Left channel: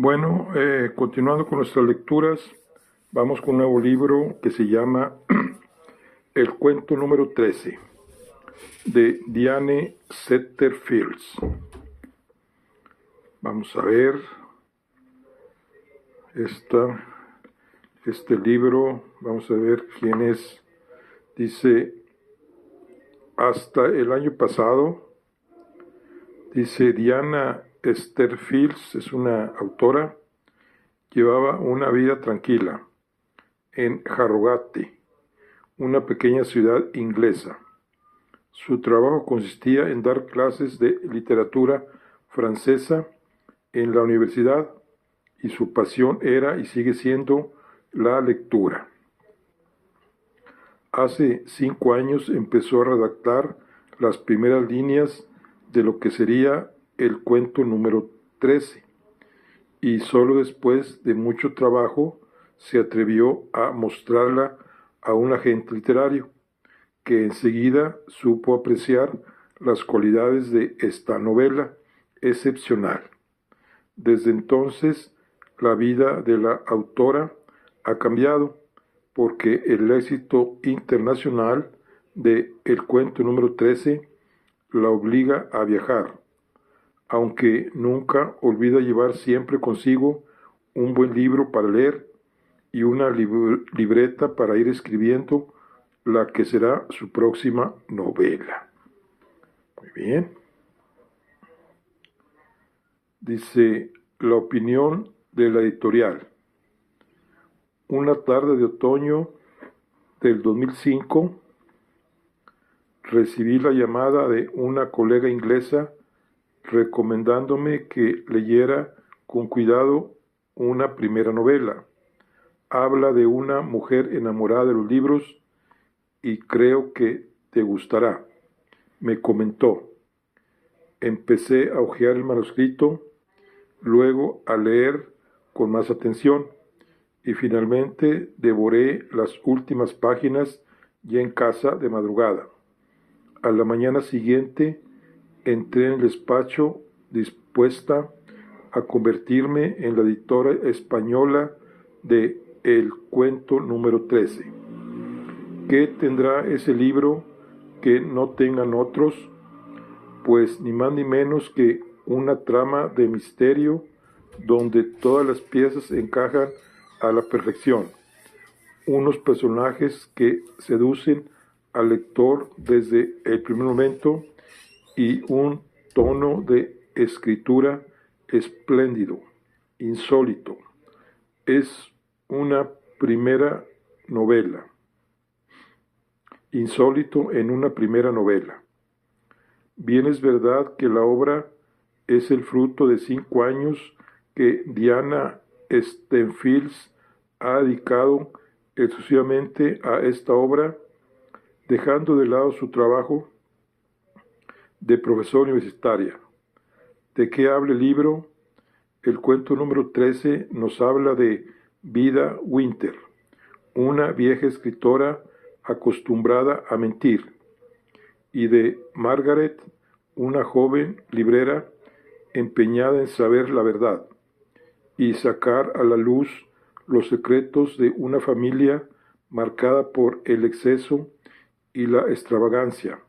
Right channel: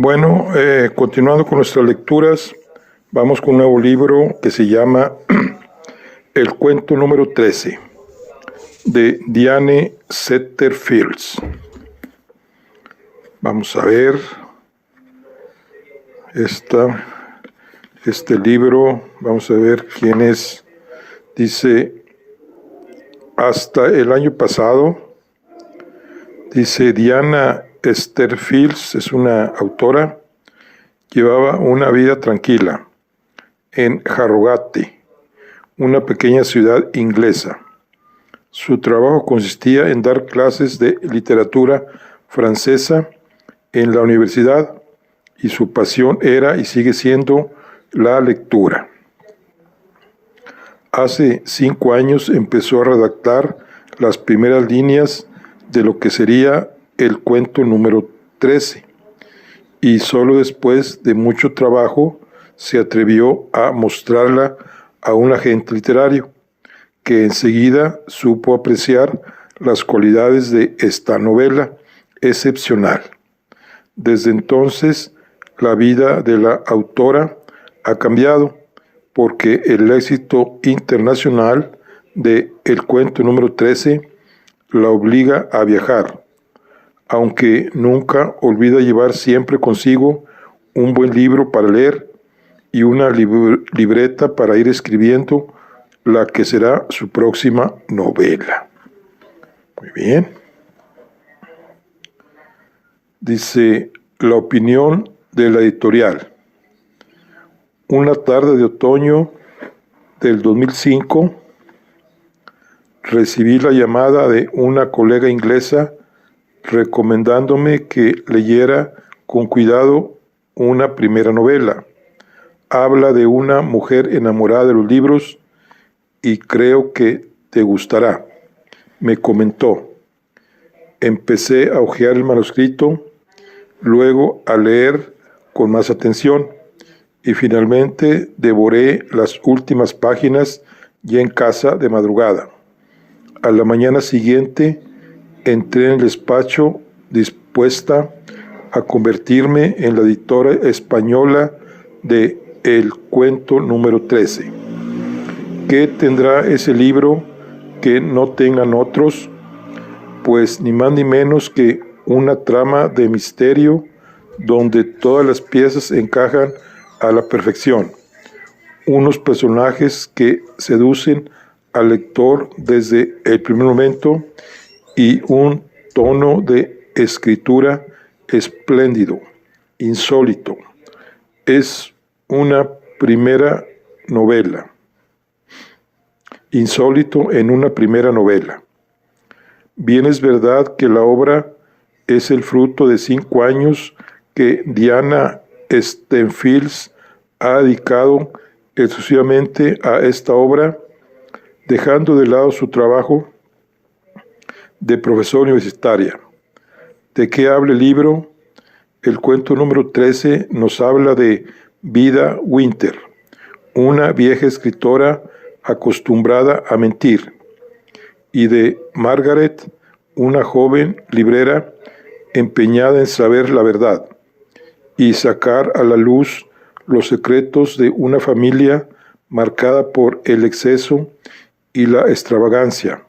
Bueno, continuando con nuestras lecturas, vamos con un nuevo libro que se llama El cuento número 13, de Diane Setterfields. Vamos a ver este libro, vamos a ver quién es. Dice, hasta el año pasado, dice Diana Setterfields, es una autora, llevaba una vida tranquila en Harrogate, una pequeña ciudad inglesa. Su trabajo consistía en dar clases de literatura francesa en la universidad y su pasión era y sigue siendo la lectura. Hace 5 años empezó a redactar las primeras líneas de lo que sería el cuento número 13 y solo después de mucho trabajo se atrevió a mostrarla a un agente literario, que enseguida supo apreciar las cualidades de esta novela excepcional. Desde entonces, la vida de la autora ha cambiado, porque el éxito internacional de El cuento número 13 la obliga a viajar, aunque nunca olvida llevar siempre consigo un buen libro para leer y una libreta para ir escribiendo la que será su próxima novela. Muy bien. Dice, la opinión de la editorial. Una tarde de otoño del 2005, recibí la llamada de una colega inglesa recomendándome que leyera con cuidado una primera novela. Habla de una mujer enamorada de los libros y creo que te gustará, me comentó. Empecé a hojear el manuscrito, luego a leer con más atención y finalmente devoré las últimas páginas ya en casa de madrugada. A la mañana siguiente entré en el despacho dispuesta a convertirme en la editora española de El cuento número 13. ¿Qué tendrá ese libro que no tengan otros? Pues ni más ni menos que una trama de misterio donde todas las piezas encajan a la perfección. Unos personajes que seducen al lector desde el primer momento y un tono de escritura espléndido, insólito. Es una primera novela. Insólito en una primera novela. Bien es verdad que la obra es el fruto de 5 años que Diana Setterfields ha dedicado exclusivamente a esta obra, dejando de lado su trabajo de profesora universitaria. ¿De qué habla el libro? El cuento número 13 nos habla de Vida Winter, una vieja escritora acostumbrada a mentir, y de Margaret, una joven librera empeñada en saber la verdad y sacar a la luz los secretos de una familia marcada por el exceso y la extravagancia.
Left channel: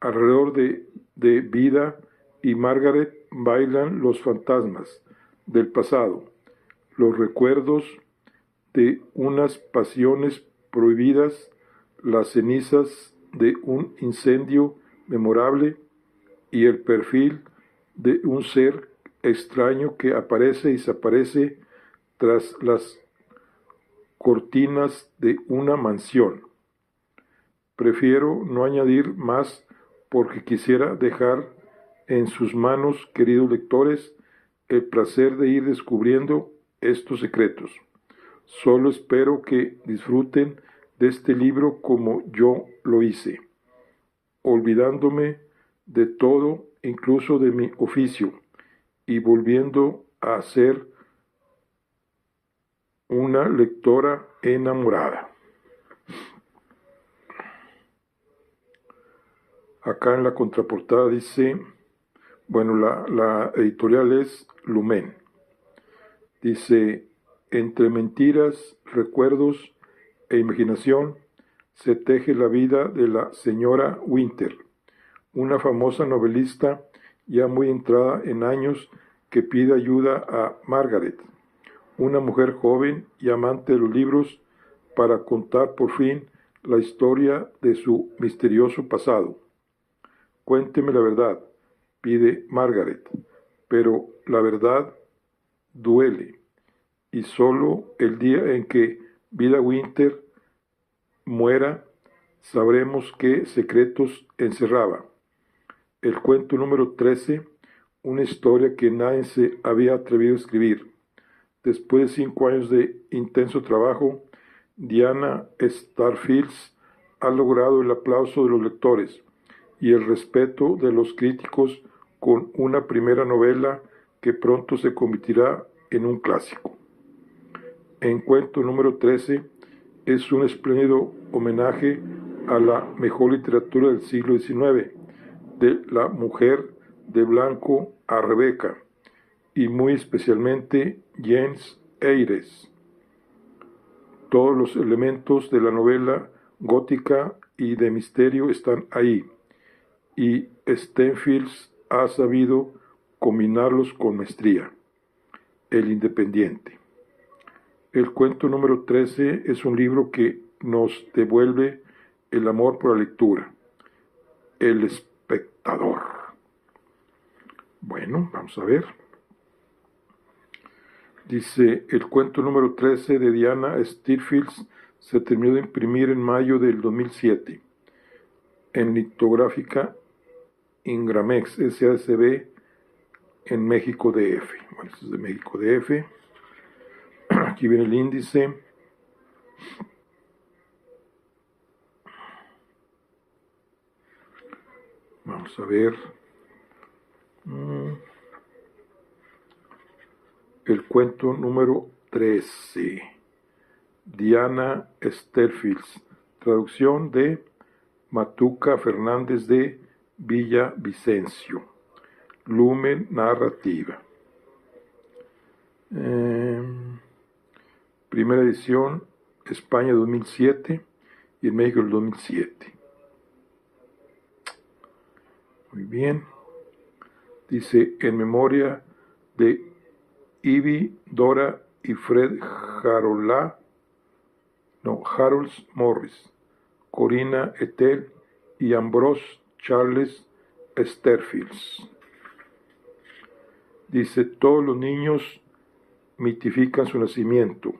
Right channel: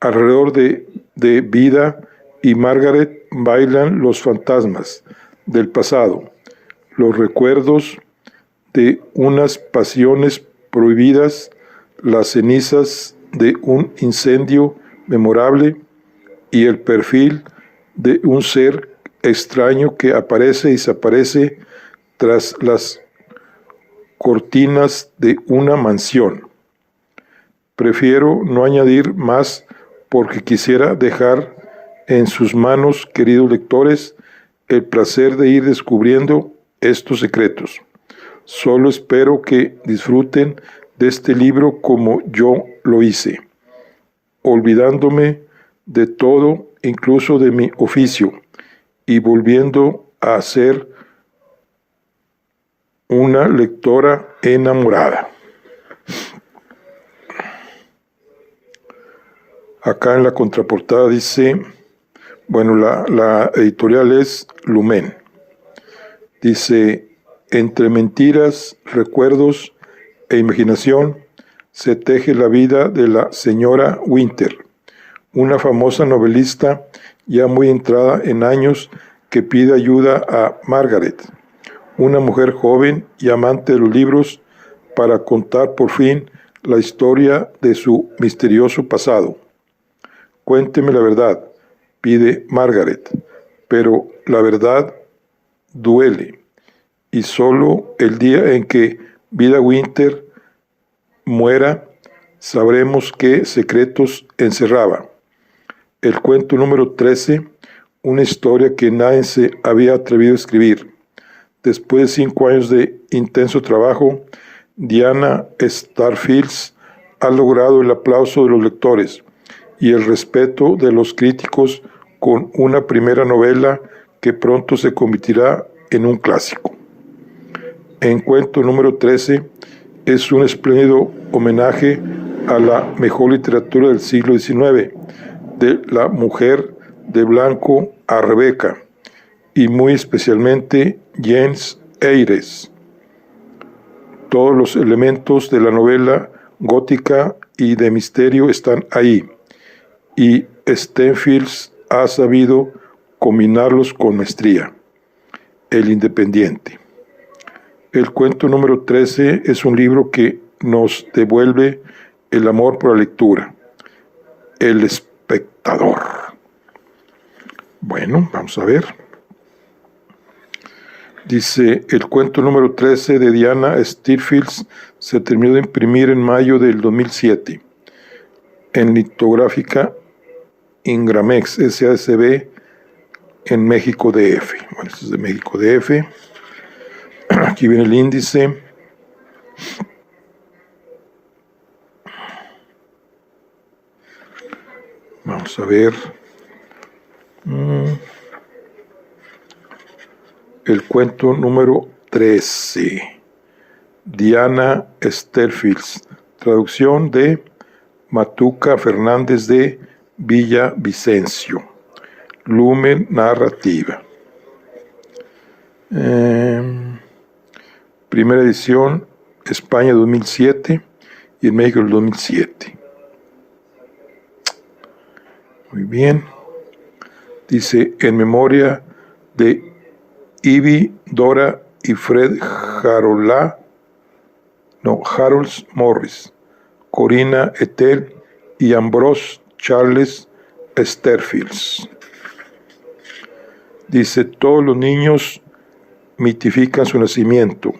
Alrededor de Vida y Margaret bailan los fantasmas del pasado, los recuerdos de unas pasiones prohibidas, las cenizas de un incendio memorable y el perfil de un ser extraño que aparece y desaparece tras las cortinas de una mansión. Prefiero no añadir más porque quisiera dejar en sus manos, queridos lectores, el placer de ir descubriendo estos secretos. Solo espero que disfruten de este libro como yo lo hice, olvidándome de todo, incluso de mi oficio, y volviendo a ser una lectora enamorada. Acá en la contraportada dice, bueno, la editorial es Lumen. Dice, entre mentiras, recuerdos e imaginación se teje la vida de la señora Winter, una famosa novelista ya muy entrada en años que pide ayuda a Margaret, una mujer joven y amante de los libros, para contar por fin la historia de su misterioso pasado. Cuénteme la verdad, pide Margaret, pero la verdad duele, y solo el día en que Vida Winter muera sabremos qué secretos encerraba. El cuento número 13, una historia que nadie se había atrevido a escribir. Después de 5 años de intenso trabajo, Diana Starfields ha logrado el aplauso de los lectores y el respeto de los críticos con una primera novela que pronto se convertirá en un clásico. En cuento número 13 es un espléndido homenaje a la mejor literatura del siglo XIX, de la mujer de blanco a Rebeca, y muy especialmente Jane Eyre. Todos los elementos de la novela gótica y de misterio están ahí, y Stenfields ha sabido combinarlos con maestría. El Independiente. El cuento número 13 es un libro que nos devuelve el amor por la lectura. El espectador. Bueno, vamos a ver. Dice, el cuento número 13 de Diana Starfields se terminó de imprimir en mayo del 2007 en litográfica Ingramex SACB en México DF. Bueno, esto es de México DF. Aquí viene el índice. Vamos a ver. El cuento número 13. Diana Starfields. Traducción de Matuca Fernández de Villavicencio. Lumen Narrativa. Primera edición, España 2007 y en México el 2007. Muy bien. Dice, en memoria de Ivy, Dora y Fred Harold Morris, Corina Ethel y Ambrose Charles Starfields. Dice, todos los niños mitifican su nacimiento.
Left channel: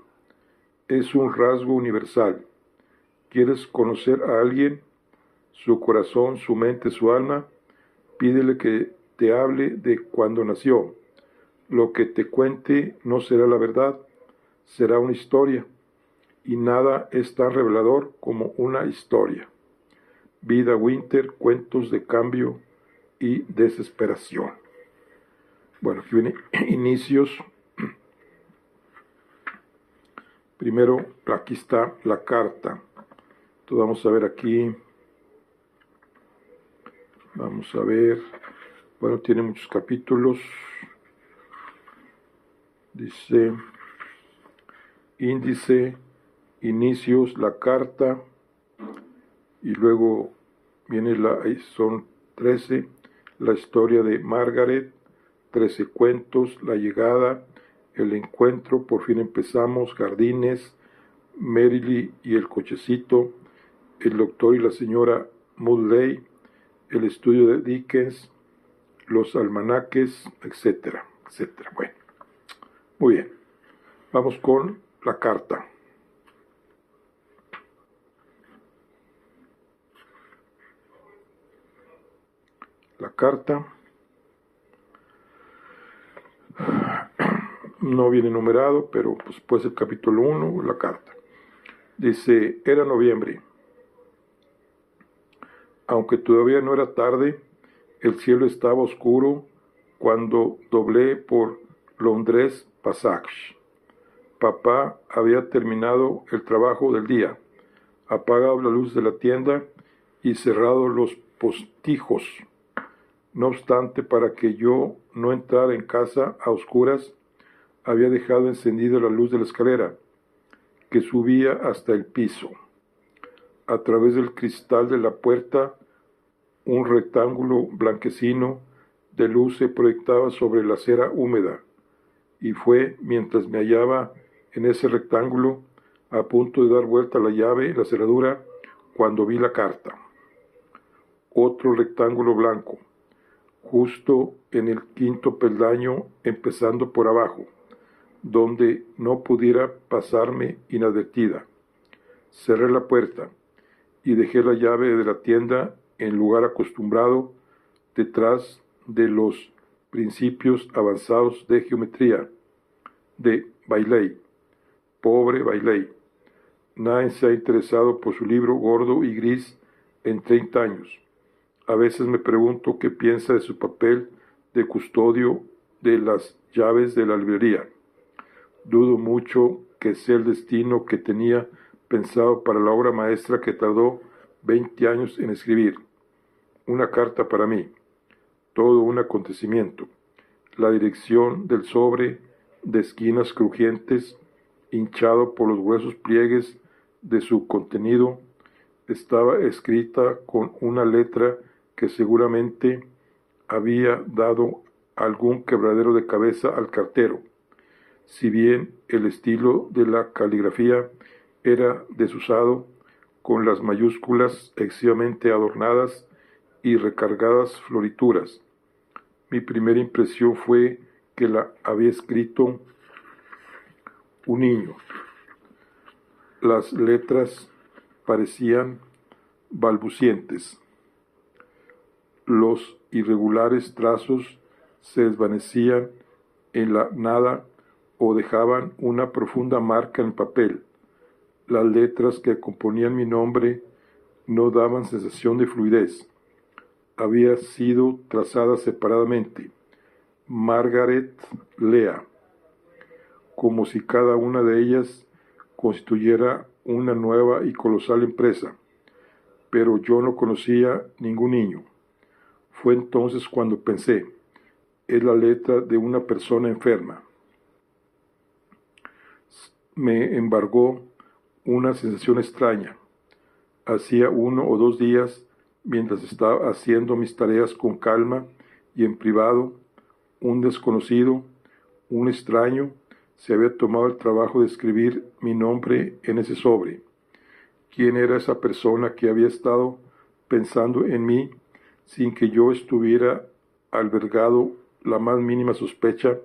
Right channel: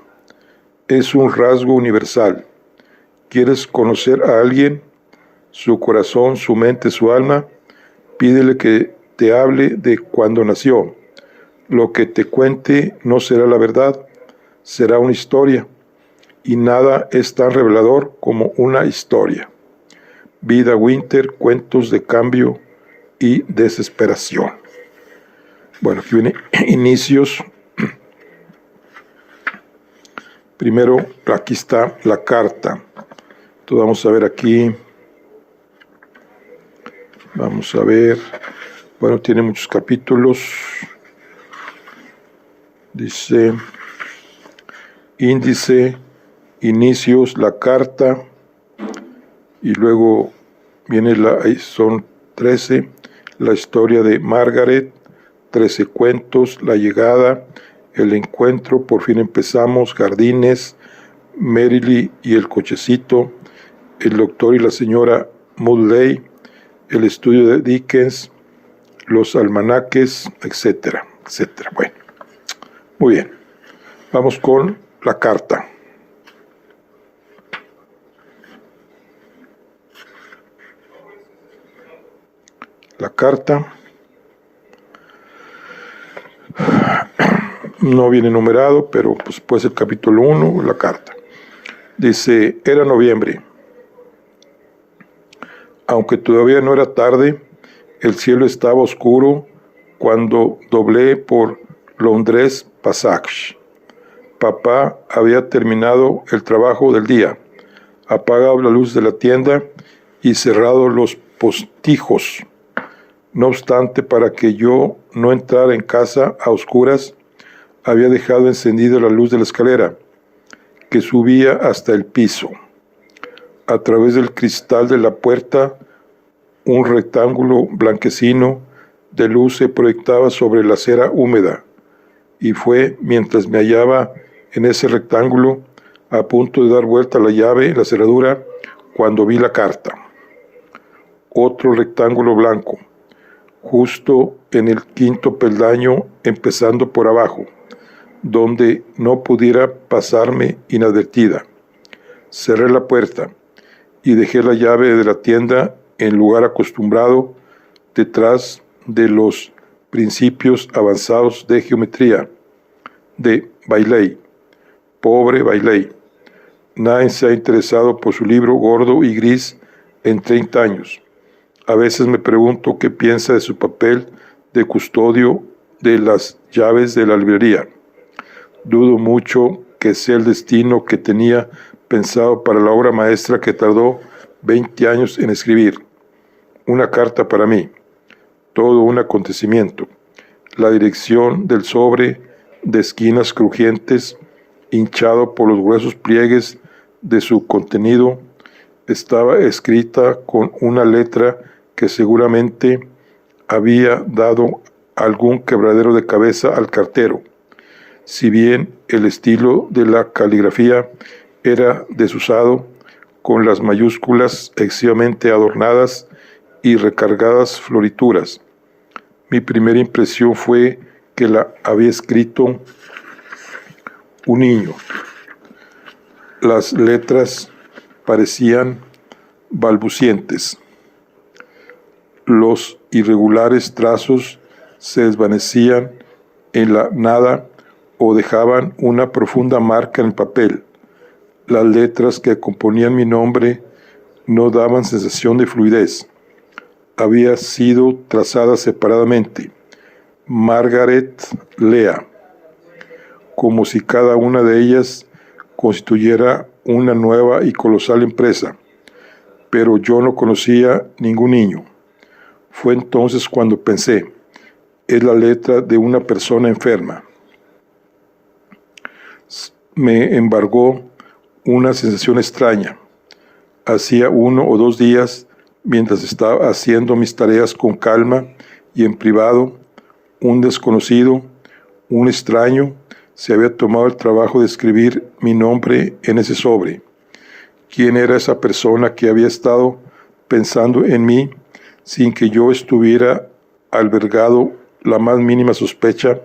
Es un rasgo universal. ¿Quieres conocer a alguien? Su corazón, su mente, su alma. Pídele que te hable de cuando nació. Lo que te cuente no será la verdad, será una historia. Y nada es tan revelador como una historia. Vida Winter, cuentos de cambio y desesperación. Bueno, aquí viene inicios. Primero, aquí está la carta. Entonces vamos a ver aquí. Vamos a ver. Bueno, tiene muchos capítulos. Dice, índice, inicios, la carta. Y luego viene son 13, la historia de Margaret, 13 cuentos, la llegada, el encuentro, por fin empezamos, jardines, Merrily y el cochecito, el doctor y la señora Mudley, el estudio de Dickens, los almanaques, etcétera, etcétera. Bueno, muy bien. Vamos con la carta. La carta no viene numerado, pero pues puede ser capítulo 1, la carta. Dice, era noviembre. Aunque todavía no era tarde, el cielo estaba oscuro cuando doblé por Londres Passage. Papá había terminado el trabajo del día, apagado la luz de la tienda y cerrado los postijos. No obstante, para que yo no entrara en casa a oscuras, había dejado encendida la luz de la escalera, que subía hasta el piso. A través del cristal de la puerta, un rectángulo blanquecino de luz se proyectaba sobre la acera húmeda, y fue mientras me hallaba en ese rectángulo, a punto de dar vuelta la llave en la cerradura, cuando vi la carta. Otro rectángulo blanco, justo en el quinto peldaño, empezando por abajo, donde no pudiera pasarme inadvertida. Cerré la puerta y dejé la llave de la tienda en lugar acostumbrado, detrás de los principios avanzados de geometría, de Bailey. Pobre Bailey. Nadie se ha interesado por su libro gordo y gris en 30 años. A veces me pregunto qué piensa de su papel de custodio de las llaves de la librería. Dudo mucho que sea el destino que tenía pensado para la obra maestra que tardó 20 años en escribir. Una carta para mí. Todo un acontecimiento. La dirección del sobre, de esquinas crujientes, hinchado por los gruesos pliegues de su contenido, estaba escrita con una letra que seguramente había dado algún quebradero de cabeza al cartero. Si bien el estilo de la caligrafía era desusado, con las mayúsculas excesivamente adornadas y recargadas florituras. Mi primera impresión fue que la había escrito un niño. Las letras parecían balbucientes. Los irregulares trazos se desvanecían en la nada o dejaban una profunda marca en el papel. Las letras que componían mi nombre no daban sensación de fluidez. Había sido trazada separadamente. Margaret Lea, como si cada una de ellas constituyera una nueva y colosal empresa. Pero yo no conocía ningún niño. Fue entonces cuando pensé, es la letra de una persona enferma. Me embargó una sensación extraña. Hacía 1 o 2 días, mientras estaba haciendo mis tareas con calma y en privado, un desconocido, un extraño, se había tomado el trabajo de escribir mi nombre en ese sobre. ¿Quién era esa persona que había estado pensando en mí sin que yo estuviera albergado la más mínima sospecha?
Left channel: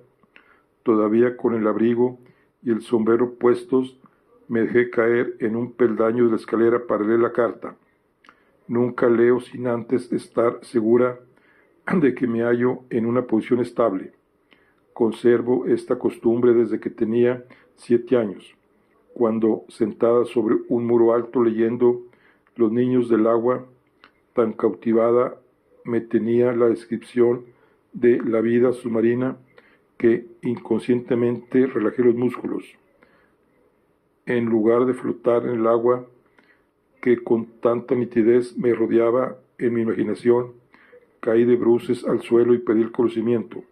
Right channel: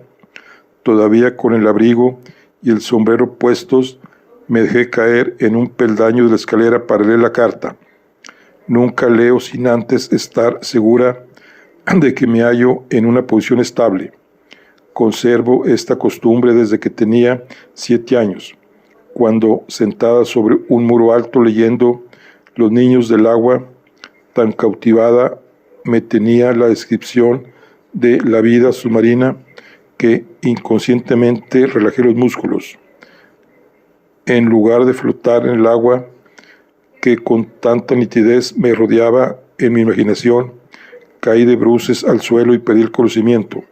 Todavía con el abrigo y el sombrero puestos, me dejé caer en un peldaño de la escalera para leer la carta. Nunca leo sin antes estar segura de que me hallo en una posición estable. Conservo esta costumbre desde que tenía 7 años, cuando, sentada sobre un muro alto leyendo Los niños del agua, tan cautivada me tenía la descripción de la vida submarina que inconscientemente relajé los músculos. En lugar de flotar en el agua que con tanta nitidez me rodeaba en mi imaginación, caí de bruces al suelo y perdí el conocimiento.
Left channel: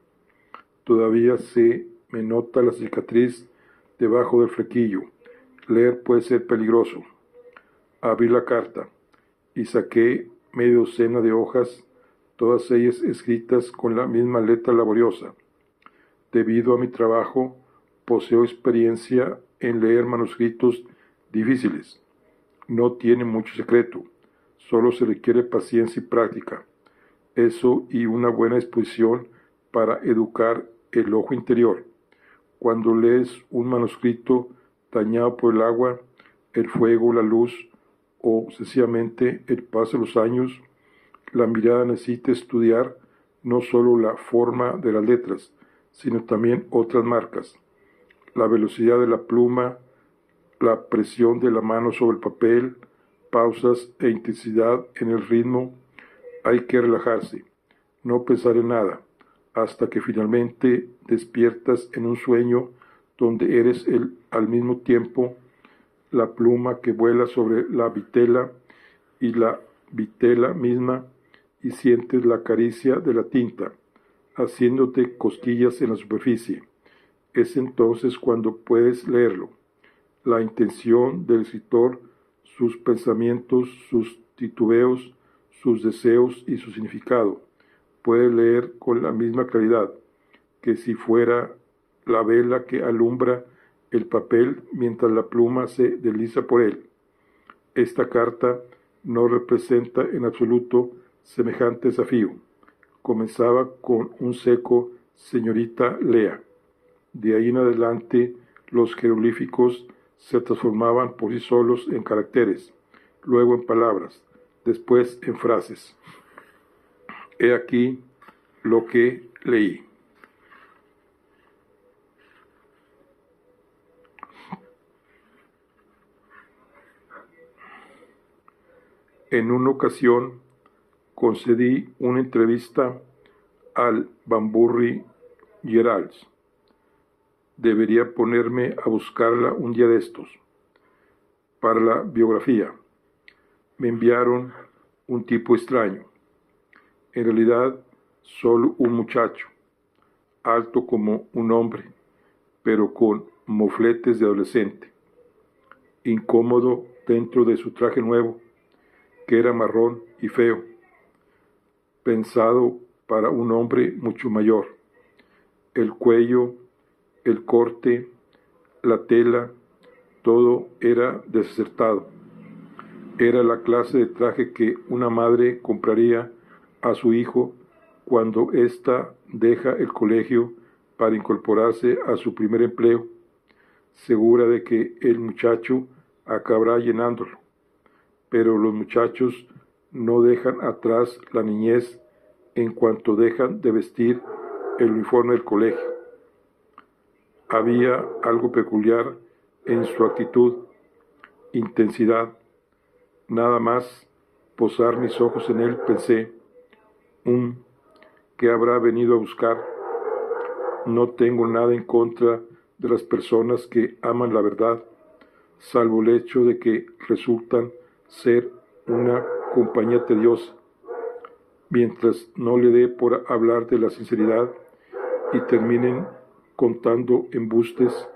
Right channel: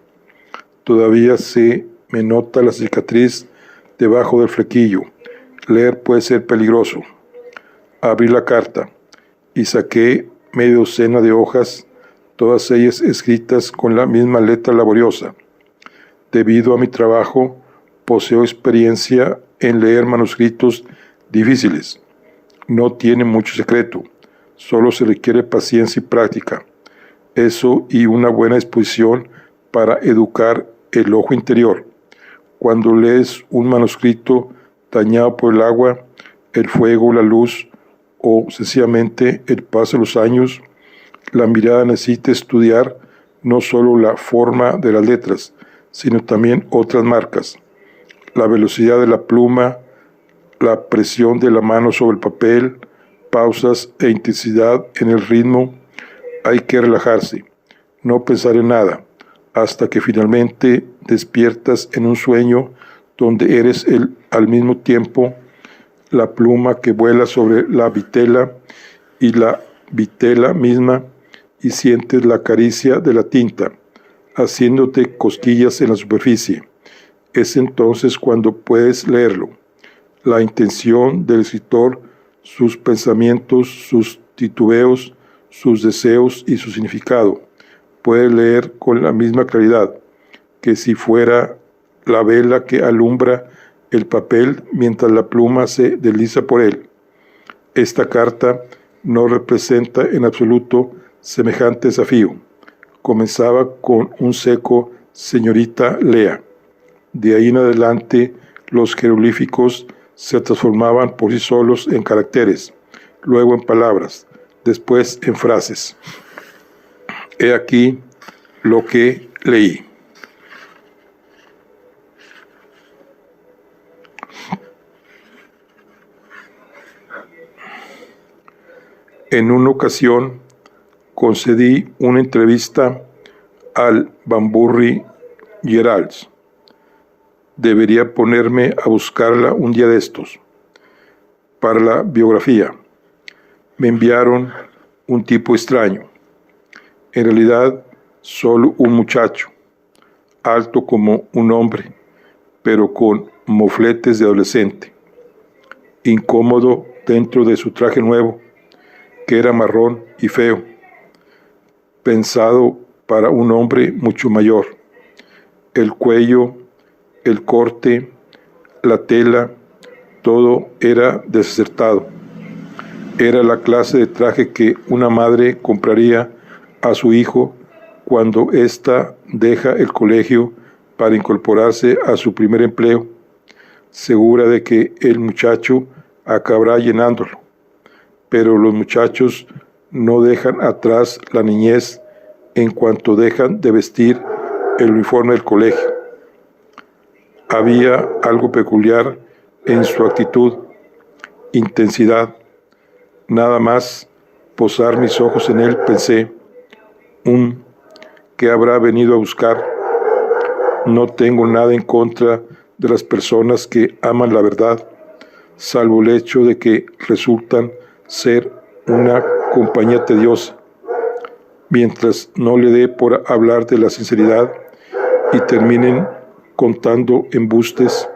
Todavía se me nota la cicatriz debajo del flequillo. Leer puede ser peligroso. Abrí la carta y saqué media docena de hojas, todas ellas escritas con la misma letra laboriosa. Debido a mi trabajo, poseo experiencia en leer manuscritos difíciles. No tiene mucho secreto, solo se requiere paciencia y práctica. Eso y una buena disposición para educar el ojo interior. Cuando lees un manuscrito dañado por el agua, el fuego, la luz o sencillamente el paso de los años, la mirada necesita estudiar no solo la forma de las letras, sino también otras marcas. La velocidad de la pluma, la presión de la mano sobre el papel, pausas e intensidad en el ritmo. Hay que relajarse, no pensar en nada, hasta que finalmente despiertas en un sueño donde eres al mismo tiempo la pluma que vuela sobre la vitela y la vitela misma, y sientes la caricia de la tinta, haciéndote cosquillas en la superficie. Es entonces cuando puedes leerlo. La intención del escritor, sus pensamientos, sus titubeos, sus deseos y su significado. Puedes leer con la misma claridad que si fuera la vela que alumbra el papel mientras la pluma se desliza por él. Esta carta no representa en absoluto semejante desafío. Comenzaba con un seco señorita Lea. De ahí en adelante los jeroglíficos se transformaban por sí solos en caracteres, luego en palabras, después en frases. He aquí lo que leí. En una ocasión concedí una entrevista al Banbury Herald. Debería ponerme a buscarla un día de estos. Para la biografía, me enviaron un tipo extraño. En realidad, solo un muchacho, alto como un hombre, pero con mofletes de adolescente, incómodo dentro de su traje nuevo, que era marrón y feo, pensado para un hombre mucho mayor. El cuello, el corte, la tela, todo era desacertado. Era la clase de traje que una madre compraría a su hijo cuando ésta deja el colegio para incorporarse a su primer empleo, segura de que el muchacho acabará llenándolo. Pero los muchachos no dejan atrás la niñez en cuanto dejan de vestir el uniforme del colegio. Había algo peculiar en su actitud, intensidad. Nada más posar mis ojos en él, pensé, ¿qué habrá venido a buscar? No tengo nada en contra de las personas que aman la verdad, salvo el hecho de que resultan ser una compañía tediosa. Mientras no le dé por hablar de la sinceridad y terminen contando embustes,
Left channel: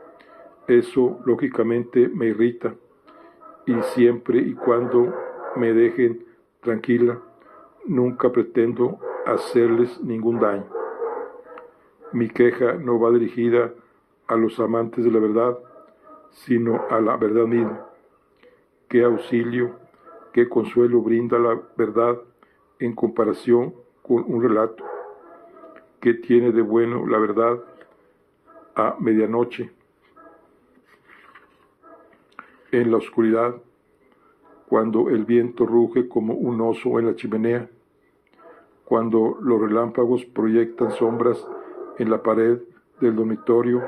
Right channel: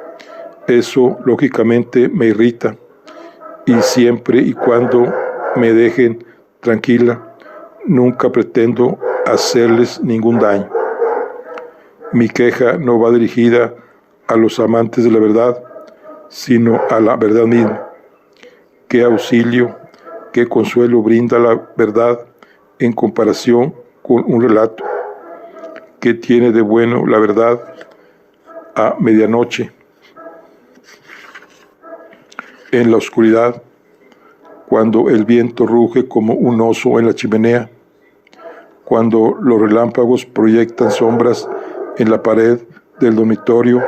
eso lógicamente me irrita, y siempre y cuando me dejen tranquila, nunca pretendo hacerles ningún daño. Mi queja no va dirigida a los amantes de la verdad, sino a la verdad misma. ¿Qué auxilio, qué consuelo brinda la verdad en comparación con un relato? ¿Qué tiene de bueno la verdad a medianoche, en la oscuridad, cuando el viento ruge como un oso en la chimenea, cuando los relámpagos proyectan sombras en la pared del dormitorio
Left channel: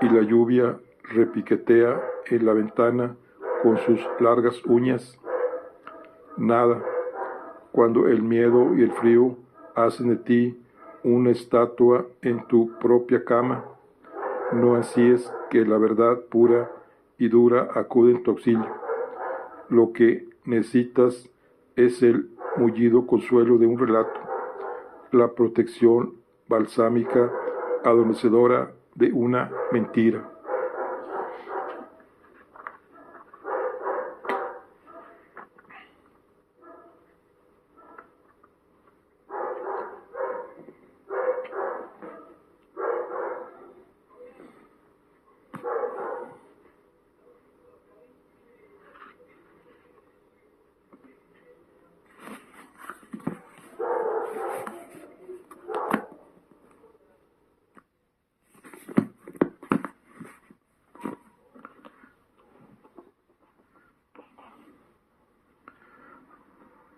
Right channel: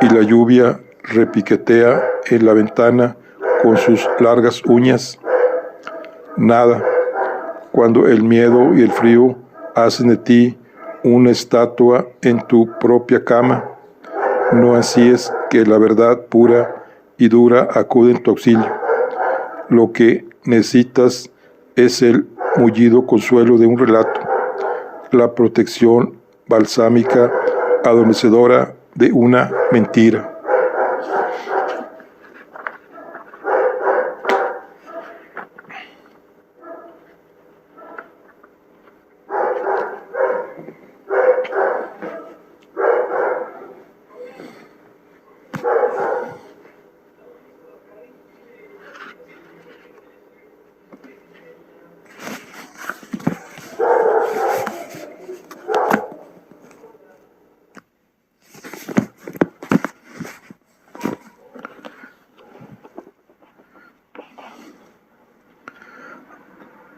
y la lluvia repiquetea en la ventana con sus largas uñas? Nada, cuando el miedo y el frío hacen de ti una estatua en tu propia cama. No así es que la verdad pura y dura acude en tu auxilio. Lo que necesitas es el mullido consuelo de un relato, la protección balsámica adormecedora de una mentira.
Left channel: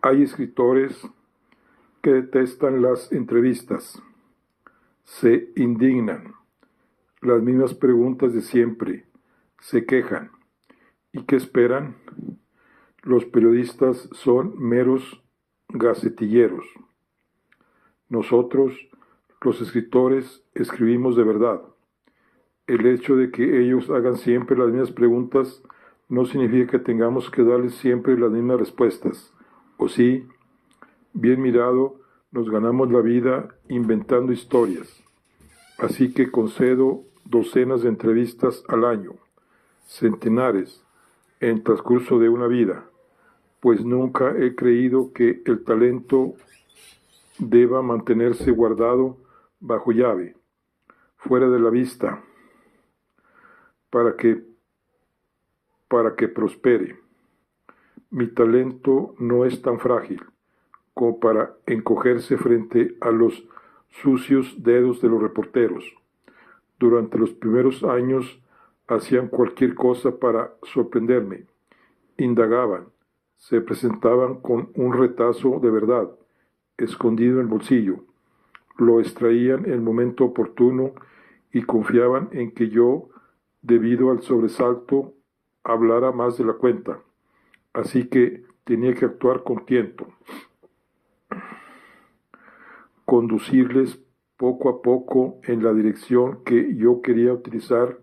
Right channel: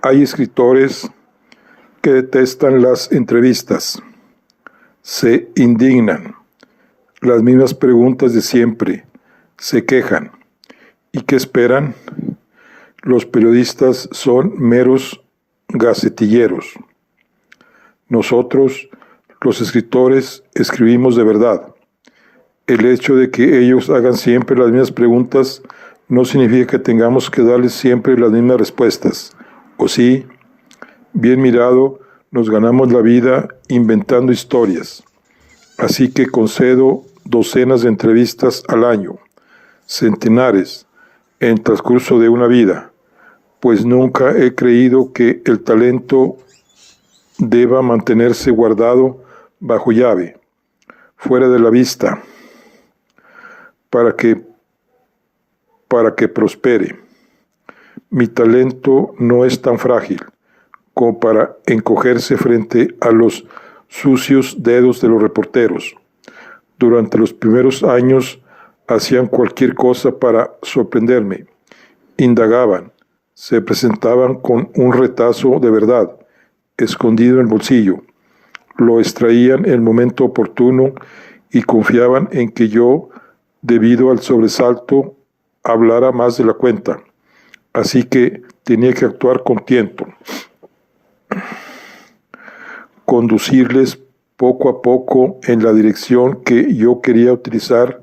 Hay escritores que detestan las entrevistas, se indignan, las mismas preguntas de siempre, se quejan. ¿Y qué esperan? Los periodistas son meros gacetilleros. Nosotros, los escritores, escribimos de verdad. El hecho de que ellos hagan siempre las mismas preguntas no significa que tengamos que darles siempre las mismas respuestas. O sí, bien mirado, nos ganamos la vida inventando historias. Así que concedo docenas de entrevistas al año, centenares en el transcurso de una vida, pues nunca he creído que el talento deba mantenerse guardado bajo llave, fuera de la vista, para que prospere. Mi talento no es tan frágil como para encogerse frente a los sucios dedos de los reporteros. Durante los primeros años hacían cualquier cosa para sorprenderme. Indagaban, se presentaban con un retazo de verdad, escondido en el bolsillo. Lo extraían en el momento oportuno y confiaban en que yo, debido al sobresalto, hablara más de la cuenta. Así que tenía que actuar con tiento. Conducirles poco a poco en la dirección que yo quería utilizar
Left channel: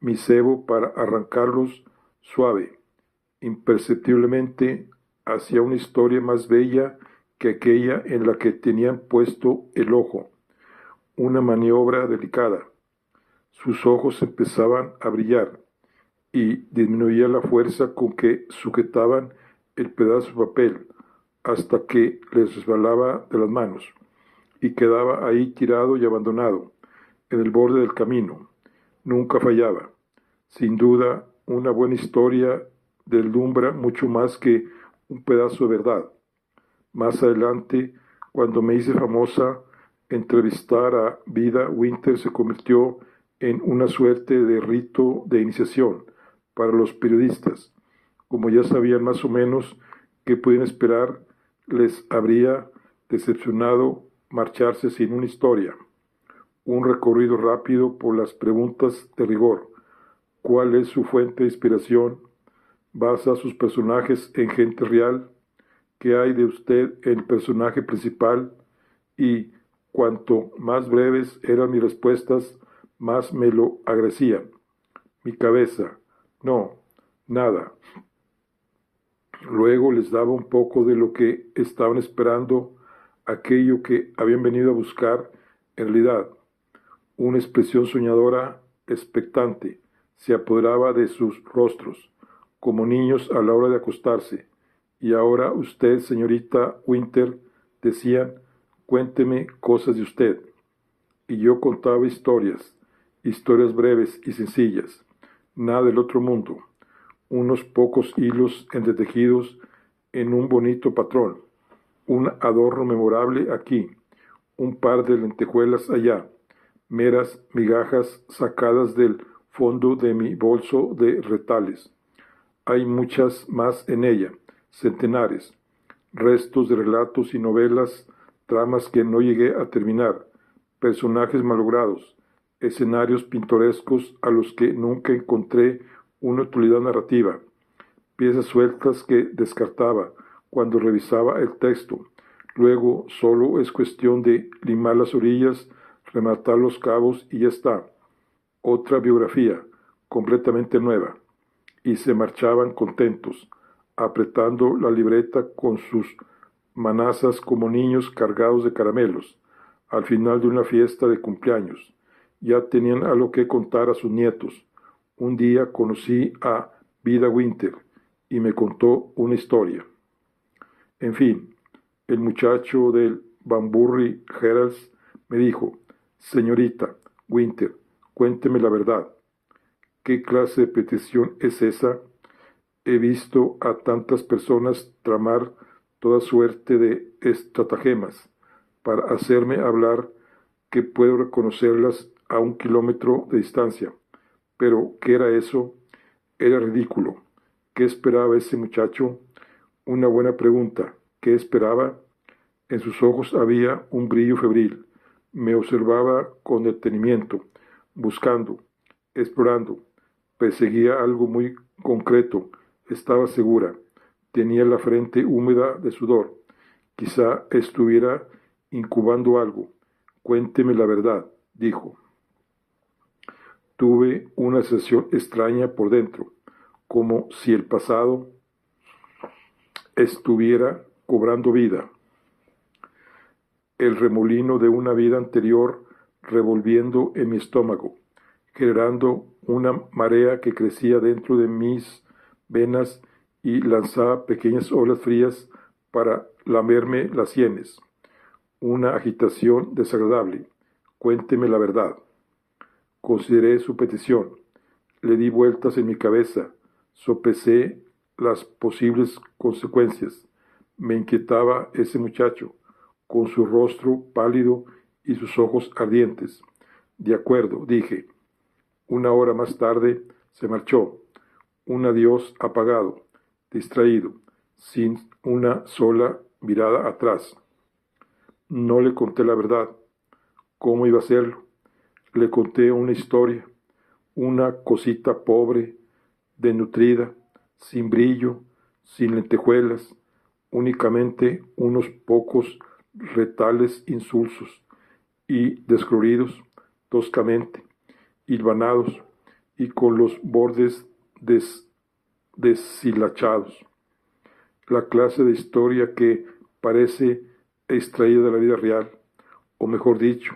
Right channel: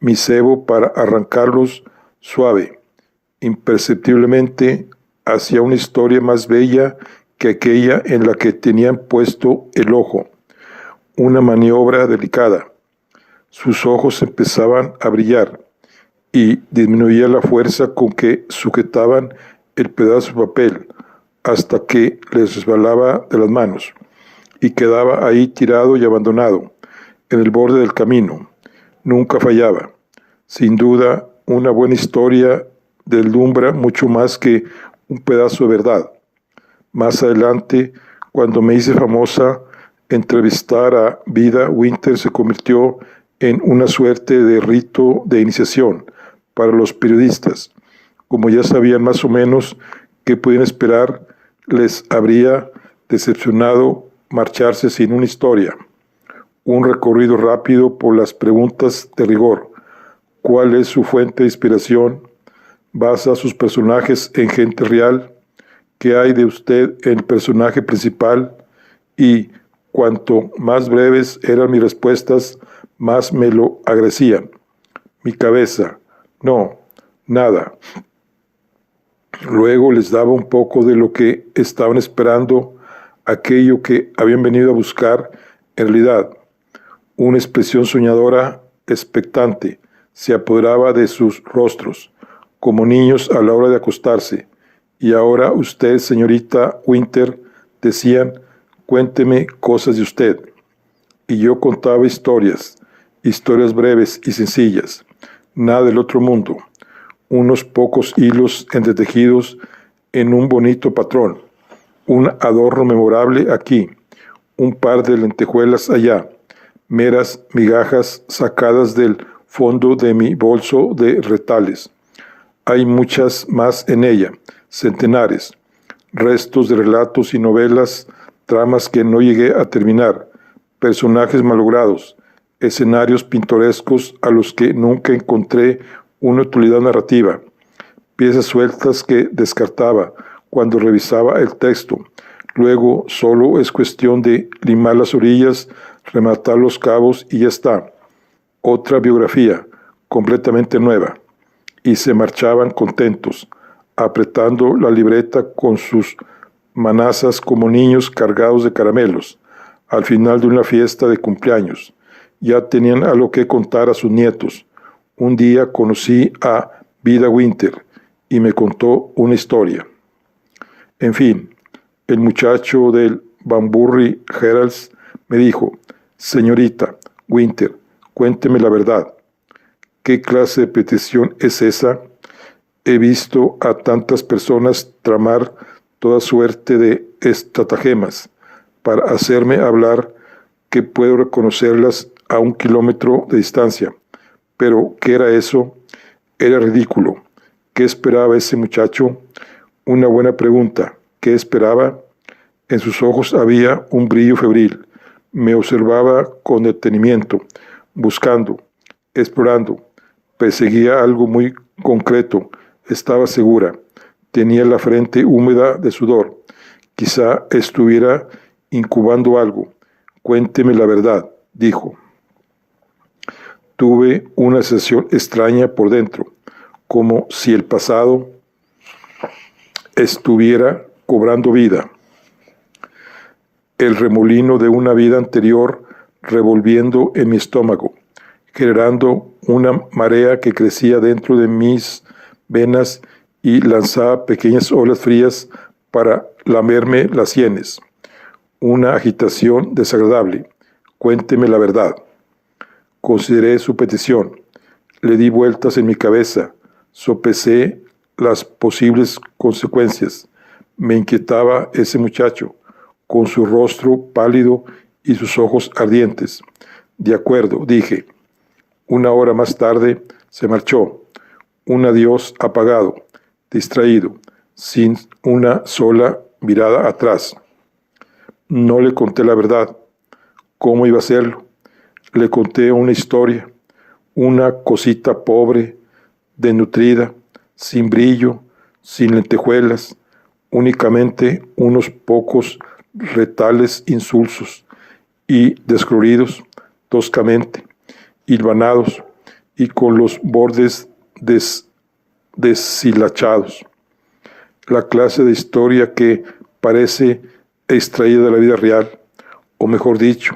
mi cebo para arrancarlos suave, imperceptiblemente hacia una historia más bella que aquella en la que tenían puesto el ojo, una maniobra delicada. Sus ojos empezaban a brillar y disminuía la fuerza con que sujetaban el pedazo de papel hasta que les resbalaba de las manos y quedaba ahí tirado y abandonado, en el borde del camino. Nunca fallaba. Sin duda, una buena historia deslumbra mucho más que un pedazo de verdad. Más adelante, cuando me hice famosa, entrevistar a Vida Winter se convirtió en una suerte de rito de iniciación para los periodistas. Como ya sabían más o menos qué podían esperar, les habría decepcionado marcharse sin una historia. Un recorrido rápido por las preguntas de rigor. ¿Cuál es su fuente de inspiración? ¿Basa sus personajes en gente real? ¿Qué hay de usted en el personaje principal? Y cuanto más breves eran mis respuestas, más me lo agradecían. Mi cabeza, no, nada. Luego les daba un poco de lo que estaban esperando, aquello que habían venido a buscar, en realidad. Una expresión soñadora, expectante, se apoderaba de sus rostros, como niños a la hora de acostarse. Y ahora usted, señorita Winter, decían, cuénteme cosas de usted. Y yo contaba historias breves y sencillas, nada del otro mundo, unos pocos hilos entretejidos en un bonito patrón, un adorno memorable aquí, un par de lentejuelas allá, meras migajas sacadas del fondo de mi bolso de retales. Hay muchas más en ella, centenares, restos de relatos y novelas, tramas que no llegué a terminar, personajes malogrados, escenarios pintorescos a los que nunca encontré una utilidad narrativa, piezas sueltas que descartaba cuando revisaba el texto. Luego solo es cuestión de limar las orillas, rematar los cabos y ya está. Otra biografía, completamente nueva. Y se marchaban contentos, apretando la libreta con sus manazas como niños cargados de caramelos, al final de una fiesta de cumpleaños. Ya tenían algo que contar a sus nietos. Un día conocí a Vida Winter y me contó una historia. En fin, el muchacho del Banbury Herald me dijo, señorita Winter, cuénteme la verdad. ¿Qué clase de petición es esa? He visto a tantas personas tramar toda suerte de estratagemas para hacerme hablar que puedo reconocerlas a 1 kilómetro de distancia. Pero, ¿qué era eso? Era ridículo. ¿Qué esperaba ese muchacho? Una buena pregunta. ¿Qué esperaba? En sus ojos había un brillo febril. Me observaba con detenimiento, buscando, explorando. Perseguía algo muy concreto. Estaba segura. Tenía la frente húmeda de sudor. Quizá estuviera incubando algo. Cuénteme la verdad, dijo. Tuve una sensación extraña por dentro, como si el pasado estuviera cobrando vida. El remolino de una vida anterior revolviendo en mi estómago. generando una marea que crecía dentro de mis venas y lanzaba pequeñas olas frías para lamerme las sienes. Una agitación desagradable. Cuénteme la verdad. Consideré su petición. Le di vueltas en mi cabeza. Sopesé las posibles consecuencias. Me inquietaba ese muchacho, con su rostro pálido y sus ojos ardientes. De acuerdo, dije. 1 hora más tarde se marchó. Un adiós apagado, distraído, sin una sola mirada atrás. No le conté la verdad. ¿Cómo iba a hacerlo? Le conté una historia, una cosita pobre, desnutrida, sin brillo, sin lentejuelas, únicamente unos pocos retales insulsos y descoloridos, toscamente, hilvanados y con los bordes deshilachados. La clase de historia que parece extraída de la vida real, o mejor dicho,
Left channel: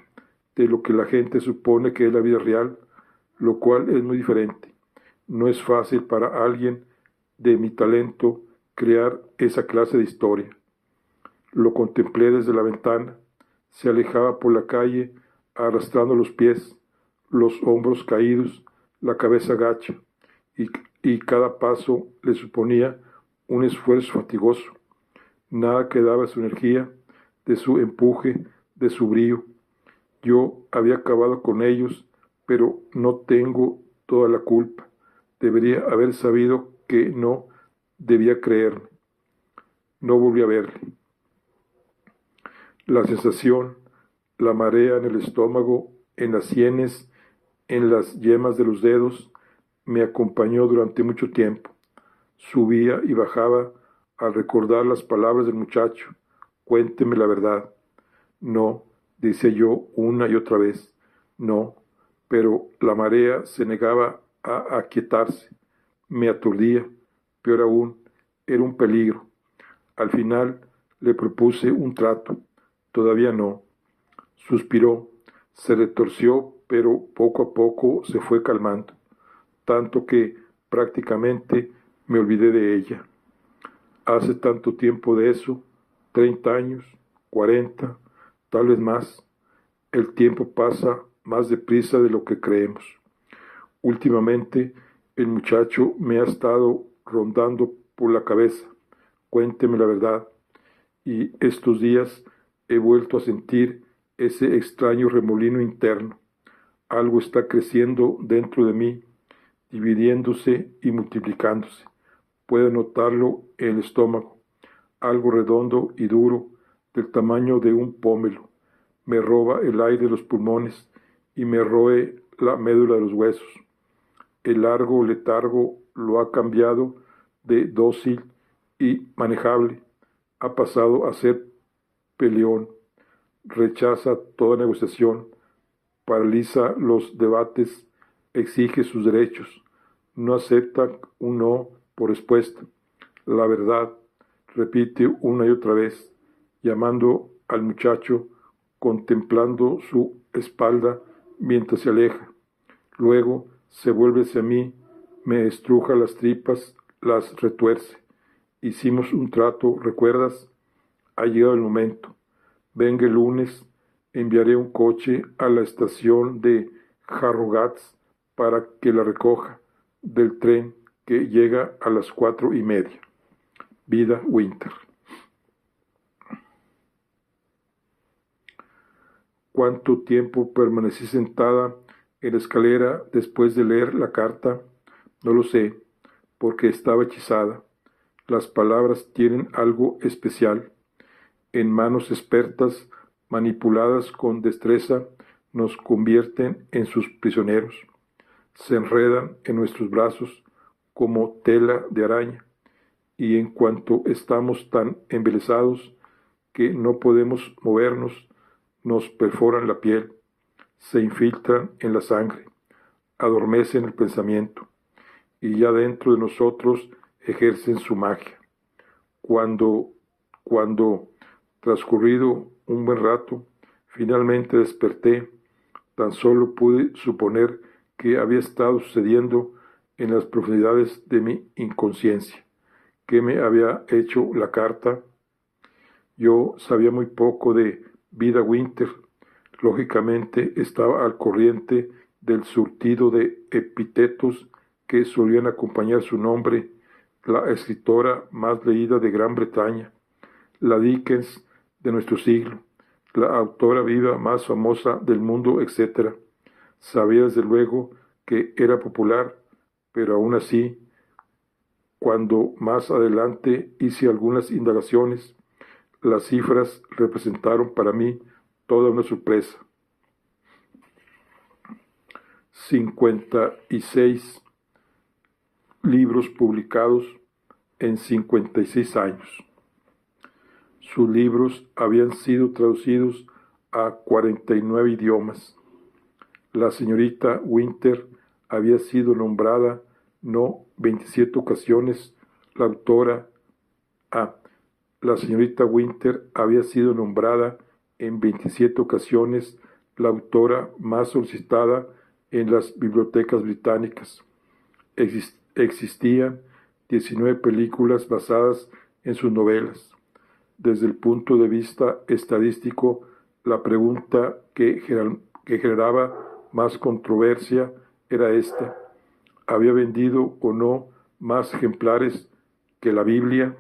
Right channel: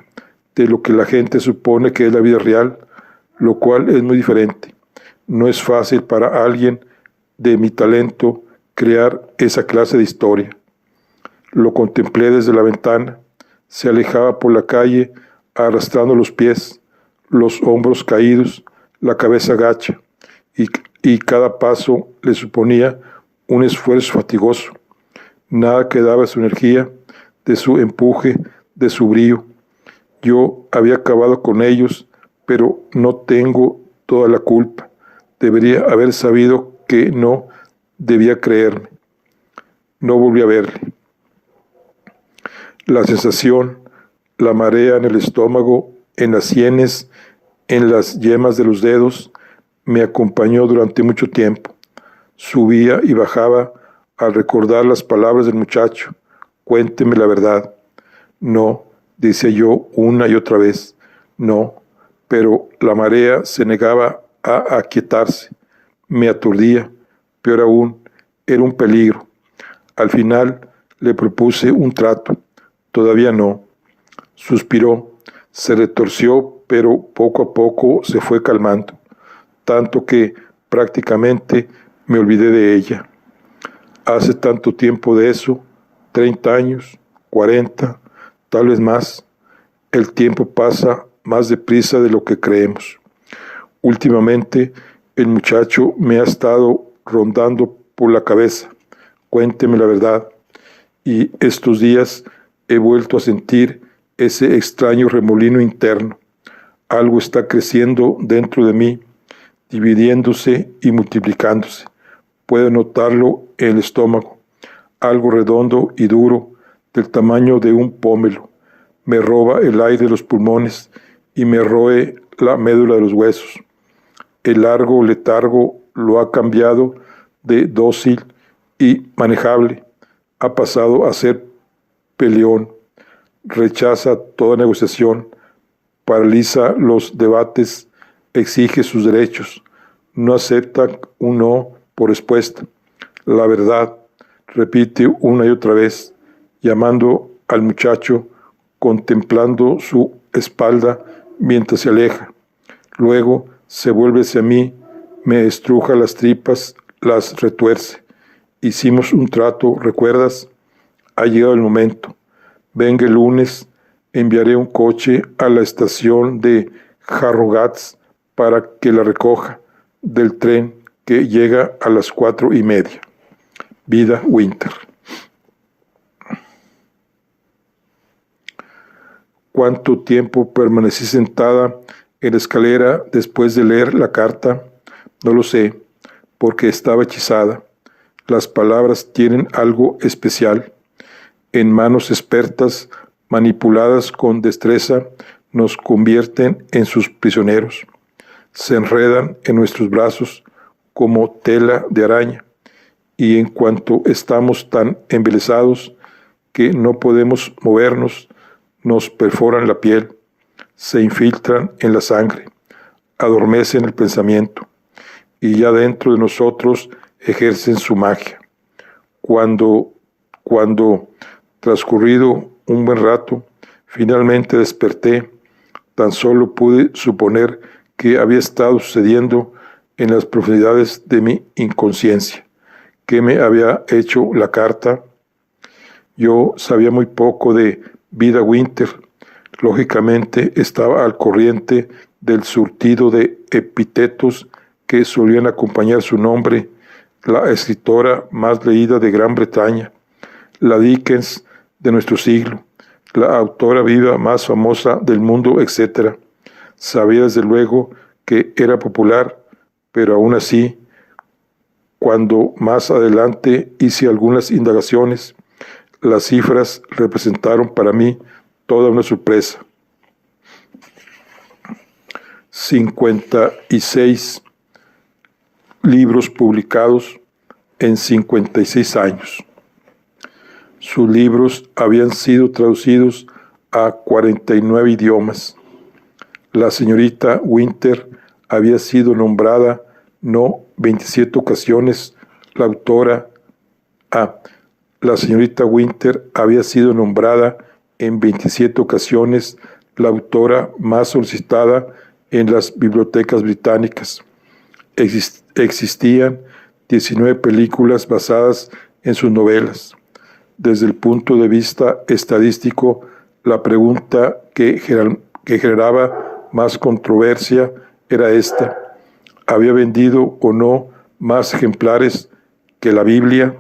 de lo que la gente supone que es la vida real, lo cual es muy diferente. No es fácil para alguien de mi talento crear esa clase de historia. Lo contemplé desde la ventana. Se alejaba por la calle arrastrando los pies, los hombros caídos, la cabeza gacha, y cada paso le suponía un esfuerzo fatigoso. Nada quedaba de su energía, de su empuje, de su brío. Yo había acabado con ellos, pero no tengo toda la culpa. Debería haber sabido que no debía creerme. No volví a verle. La sensación, la marea en el estómago, en las sienes, en las yemas de los dedos, me acompañó durante mucho tiempo. Subía y bajaba al recordar las palabras del muchacho. Cuénteme la verdad. No, decía yo una y otra vez. No, pero la marea se negaba a aquietarse. Me aturdía. Peor aún, era un peligro. Al final le propuse un trato. Todavía no. Suspiró, se retorció, pero poco a poco se fue calmando, tanto que prácticamente me olvidé de ella. Hace tanto tiempo de eso, 30 años, 40, tal vez más. El tiempo pasa más deprisa de lo que creemos. Últimamente, el muchacho me ha estado rondando por la cabeza. Cuénteme la verdad. Y estos días he vuelto a sentir ese extraño remolino interno. Algo está creciendo dentro de mí, dividiéndose y multiplicándose. Puedo notarlo en el estómago, algo redondo y duro, del tamaño de un pómelo. Me roba el aire de los pulmones y me roe la médula de los huesos. El largo letargo lo ha cambiado de dócil y manejable. Ha pasado a ser peleón. Rechaza toda negociación, paraliza los debates, exige sus derechos, no acepta un no por respuesta. La verdad, repite una y otra vez, llamando al muchacho, contemplando su espalda mientras se aleja. Luego se vuelve hacia mí, me estruja las tripas, las retuerce. Hicimos un trato, ¿recuerdas? Ha llegado el momento. Venga el lunes, enviaré un coche a la estación de Harrogats para que la recoja del tren que llega a las 4:30. Vida Winter. ¿Cuánto tiempo permanecí sentada en la escalera después de leer la carta? No lo sé, porque estaba hechizada. Las palabras tienen algo especial. En manos expertas, manipuladas con destreza, nos convierten en sus prisioneros. Se enredan en nuestros brazos como tela de araña, y en cuanto estamos tan embelesados que no podemos movernos, nos perforan la piel, se infiltran en la sangre, adormecen el pensamiento, y ya dentro de nosotros ejercen su magia. Cuando transcurrido un buen rato, finalmente desperté. Tan solo pude suponer que había estado sucediendo en las profundidades de mi inconsciencia. ¿Qué me había hecho la carta? Yo sabía muy poco de Vida Winter. Lógicamente estaba al corriente del surtido de epítetos que solían acompañar su nombre: la escritora más leída de Gran Bretaña, la Dickens de nuestro siglo, la autora viva más famosa del mundo, etc. Sabía desde luego que era popular, pero aún así, cuando más adelante hice algunas indagaciones, las cifras representaron para mí toda una sorpresa. 56 libros publicados en 56 años. Sus libros habían sido traducidos a 49 idiomas. La señorita Winter había sido nombrada no 27 ocasiones la autora. La señorita Winter había sido nombrada en 27 ocasiones la autora más solicitada en las bibliotecas británicas. Existían 19 películas basadas en sus novelas. Desde el punto de vista estadístico, la pregunta que generaba más controversia era esta: ¿había vendido o no más ejemplares que la Biblia?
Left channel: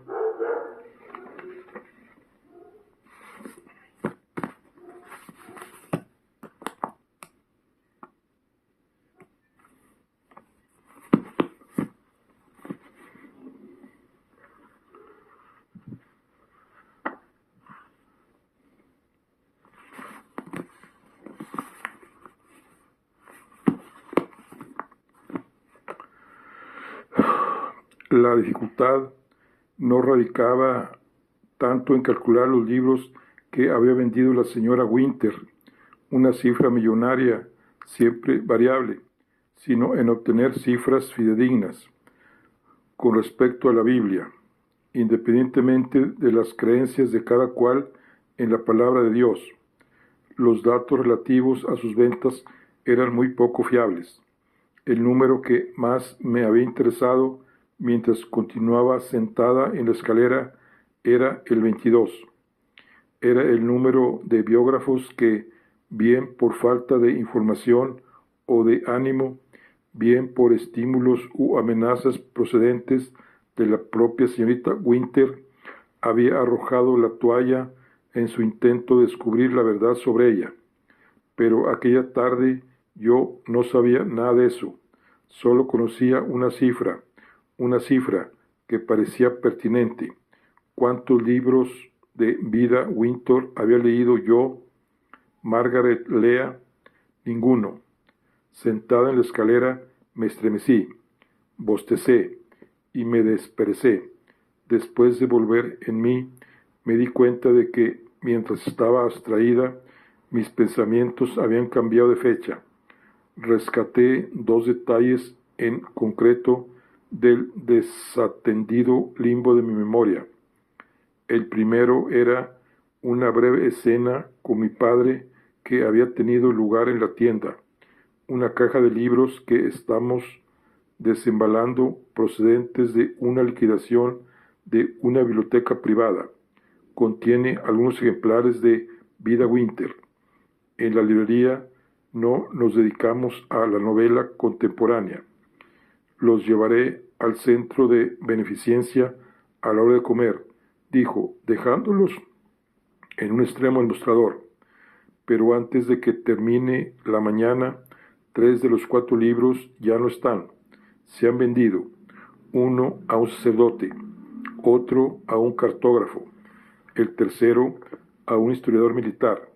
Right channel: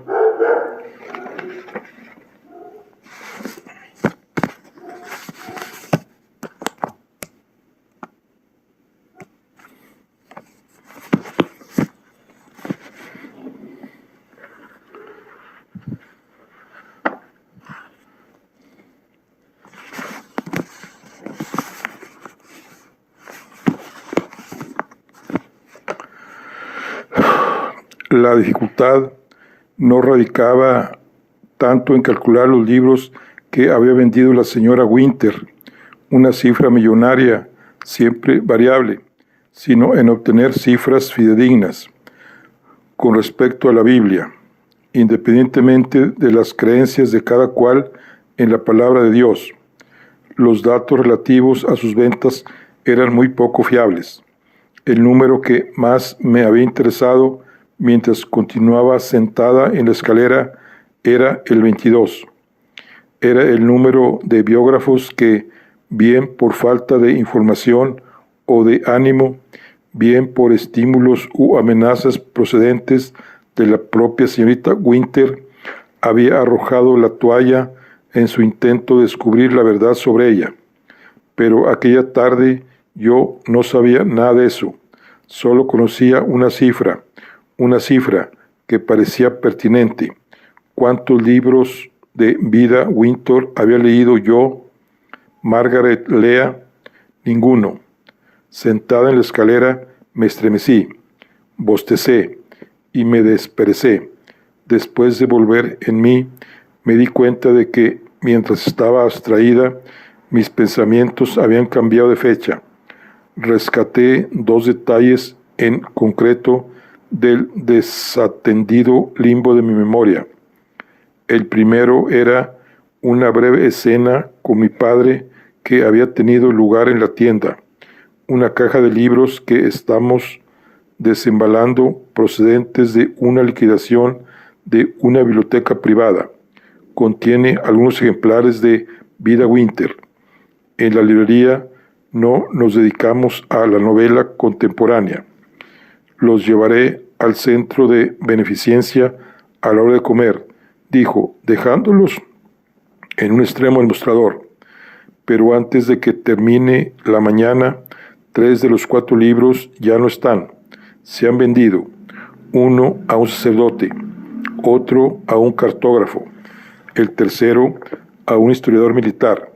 La dificultad no radicaba tanto en calcular los libros que había vendido la señora Winter, una cifra millonaria, siempre variable, sino en obtener cifras fidedignas con respecto a la Biblia, independientemente de las creencias de cada cual en la palabra de Dios. Los datos relativos a sus ventas eran muy poco fiables. El número que más me había interesado mientras continuaba sentada en la escalera era el 22. Era el número de biógrafos que, bien por falta de información o de ánimo, bien por estímulos u amenazas procedentes de la propia señorita Winter, había arrojado la toalla en su intento de descubrir la verdad sobre ella. Pero aquella tarde yo no sabía nada de eso. Solo conocía una cifra que parecía pertinente. ¿Cuántos libros de Vida Winter había leído yo? Margaret Lea, ninguno. Sentada en la escalera me estremecí, bostecé y me desperecé. Después de volver en mí, me di cuenta de que, mientras estaba abstraída, mis pensamientos habían cambiado de fecha. Rescaté 2 detalles en concreto del desatendido limbo de mi memoria. El primero era una breve escena con mi padre que había tenido lugar en la tienda, una caja de libros que estamos desembalando procedentes de una liquidación de una biblioteca privada. Contiene algunos ejemplares de Vida Winter. En la librería no nos dedicamos a la novela contemporánea. Los llevaré al centro de beneficencia a la hora de comer, dijo, dejándolos en un extremo del mostrador. Pero antes de que termine la mañana, 3 de los 4 libros ya no están. Se han vendido. Uno a un sacerdote, otro a un cartógrafo, el tercero a un historiador militar.